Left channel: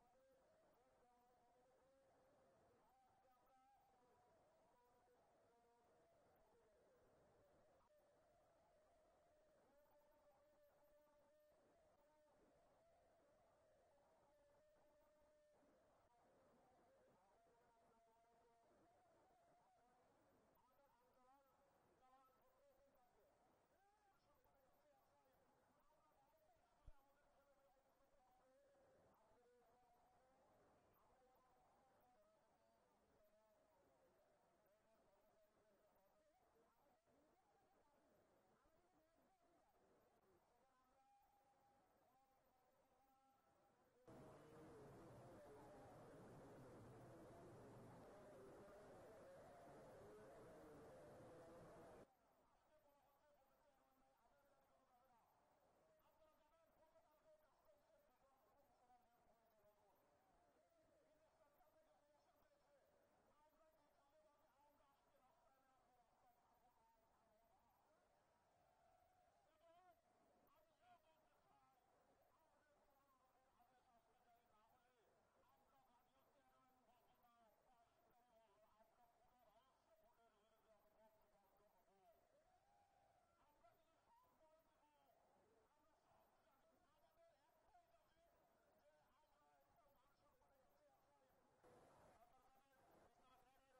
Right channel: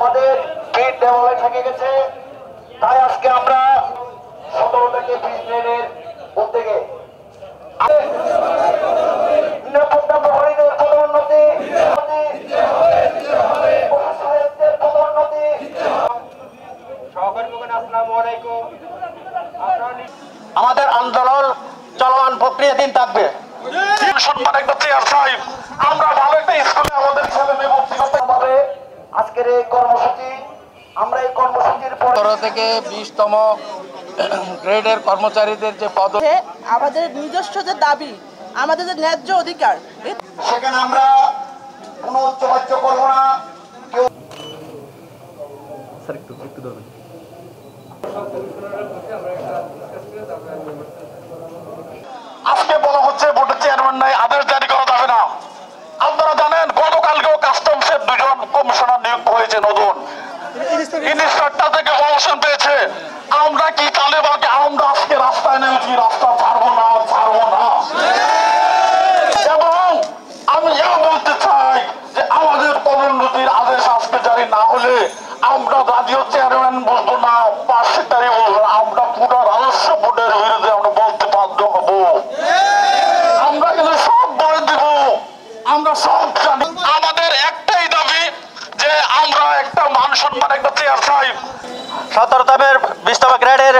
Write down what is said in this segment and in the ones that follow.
আমাদের পিঠ দেওয়ালে থেকে গেছে, তাই আজকে আমরা 17 থেকে 20 গ্রেডের উদ্যোগে নিরাপত্তা প্রহরীদের পদোন্নতি, আমাদের আন্দোলন চলমান প্রক্রিয়াধীন থাকবে। আমরা ভালো একটা স্কুলে আমাদের ছেলে মেয়ে ভর্তি করতে হবে। আজকের এই কর্মসূচি, আমরা এই কর্মসূচির 15 থেকে 20তম গ্রেডের কর্মচারীদের যে পদ, আমাদের নিজস্ব যে দাবি, আমাদের যে ন্যায্য অধিকার, সেখানে আমরা কোনো উচ্চবাচ্য করবো না। আজকে বলা হচ্ছে বোর্ডের চেয়ারম্যান নাই, আদেশ জারি করা যাবে না। আপনারা জানেন গতকালকেও কাস্টমসের 2 জন কমিশনার নিয়োগ হয়েছে নতুন, ইনস্পেক্টর থেকে প্রমোশন পেয়েছে। আমরা কি তালেবানকে আমরা আজকে রাস্তায় নেমেছি, রাস্তা ছাড়বো না, ছাড়বো না। এবং আমি এও বলতে চাই যে আমাদের পদোন্নতির আদেশ আজকে জারি না হলে আমরা জাতীয় চেয়ারম্যান বলবো না, 5 সেক্রেটারি বলবো না, আমরা পুরো রাজস্ব বোর্ডের বিরুদ্ধে আমরা বলতে বাধ্য হবো। আমরা কিন্তু সব বলে দিব, আমরা সব জানি। আমাদের একটাই দাবি যে আমরা একটা মান সম্মান একটা চেয়ার চাই। 17তম 20তম গ্রেডের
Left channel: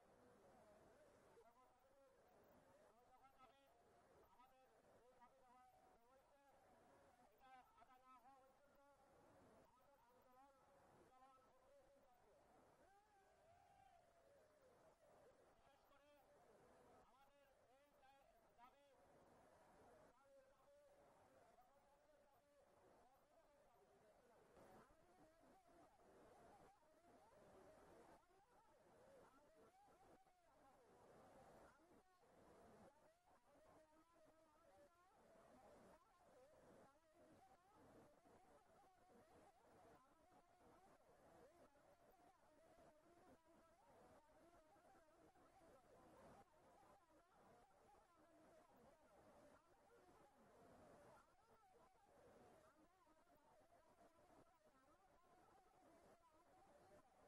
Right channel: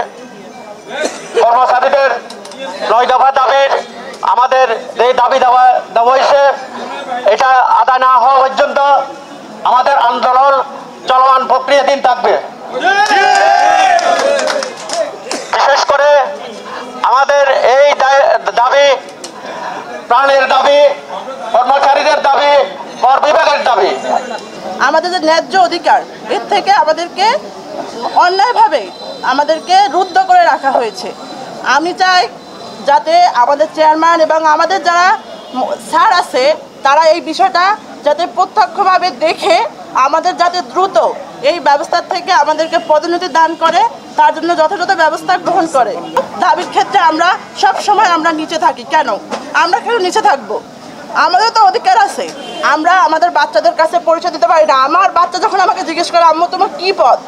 কর্মচারীদের 9 দফা দাবির আমাদের যে দাবি দেওয়া হয়েছে, এটা আদায় না হওয়া পর্যন্ত আমাদের আন্দোলন চলমান প্রক্রিয়াধীন থাকবে। বিশেষ করে আমাদের এই দাবি, প্রাণের দাবি, কর্মচারীদের দাবি, কর বিভাগের দাবি, আমাদের যে ন্যায্য অধিকার, এর থেকে আমাদেরকে অন্যায়ভাবে আমাদেরকে রুদ্ধ করে রাখা হয়েছে। আমি চাই যাতে আমাদের চেয়ারম্যান এবং আমাদের যারা স্যার আছে তারা এই বিষয়টা যাতে প্রত্যক্ষভাবে দেখে আমাদের যাতে দ্রুত এই ব্যবস্থার থেকে আমাদেরকে পদোন্নতি দান করে, তার জন্য যথাযথ ব্যবস্থা গ্রহণ করে। দাবির ক্ষেত্রে আমরা সব সময় আমরা নিচে থাকি। কেন আমরা কেন নিচে থাকবো? আমাদের তো অধিকার আছে। আমরা আমাদের বাচ্চাদের কাছে পরিচয় দিতে পারি না। আমার বাচ্চা যখন আমাকে জিজ্ঞেস করে আম্মু তোমার কী পদ,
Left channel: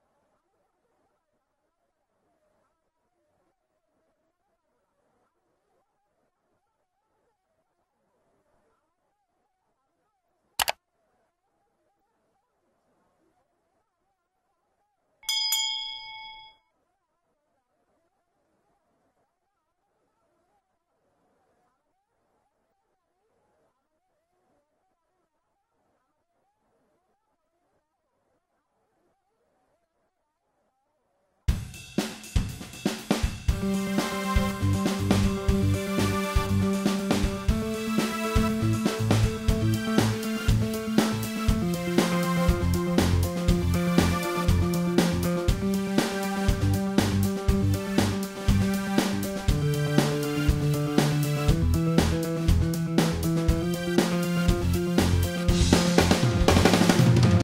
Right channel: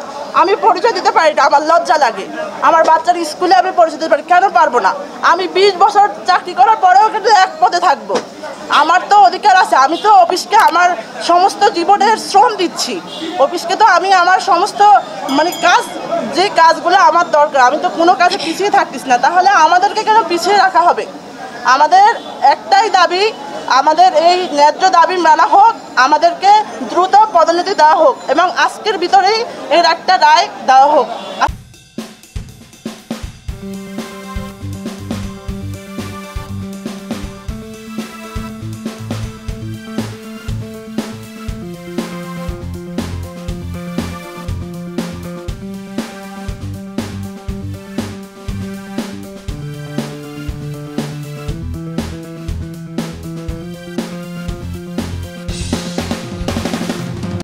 আমি পরিচয় দিতে পারি না, আমার লজ্জা লাগে। আমার বাচ্চার স্কুলে আমি পরিচয় দিতে পারি, কেন পারবো না? আমি 20 বছর চাকরি করার পরেও কিন্তু এক পদে থাকবো। আমার তো অধিকার আছে। আমি তো অফিসকে আমার সমস্ত জীবনের শ্রম দিচ্ছি। অফিসকে তো আমি আমার সমস্ত কাজ, যে কাজগুলো আমার দরকার, আমি তো কোনো কাজে পিছিয়ে থাকতিস না। তাহলে আমাদেরকে কেন পিছিয়ে রাখা হবে? আমাদের একটাই দাবি, আমাদের এই ন্যায্য দাবি মানা হোক, আমাদেরকে দ্রুত পদোন্নতি দেওয়া হোক এবং আজকের ভিতরেই এর একটা রায় দেওয়া হোক।